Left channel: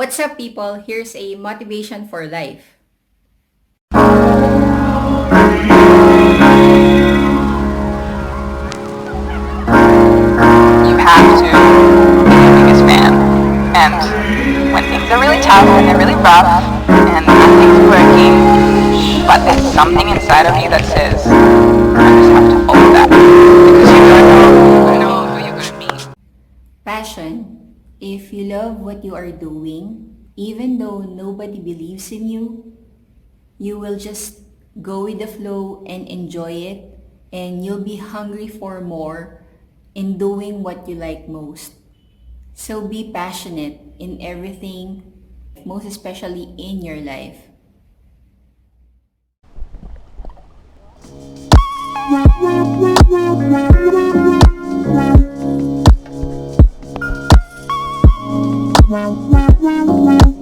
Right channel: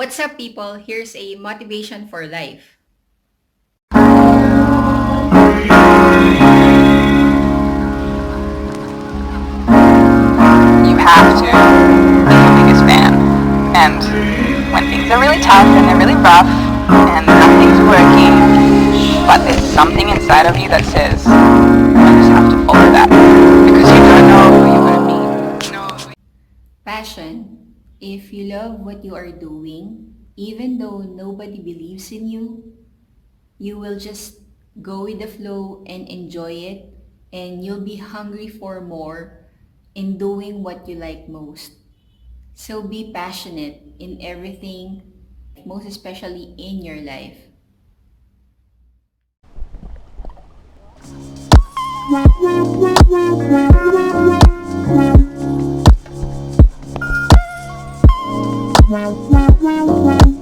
What's up, people? Here's a motivation for life. You have to be your biggest fan. And when things are really tough and they're really rough and nothing's working, but there's something inside of you that says, I just have to follow that. Because you don't know who you're going to be, who you're going to be. Passion. If you love what you are doing, even though nobody believes in you, you will just go with the flow and enjoy it, and you'll be hungry for more in doing what you like most. So be passionate in everything, most especially in your life. Wow.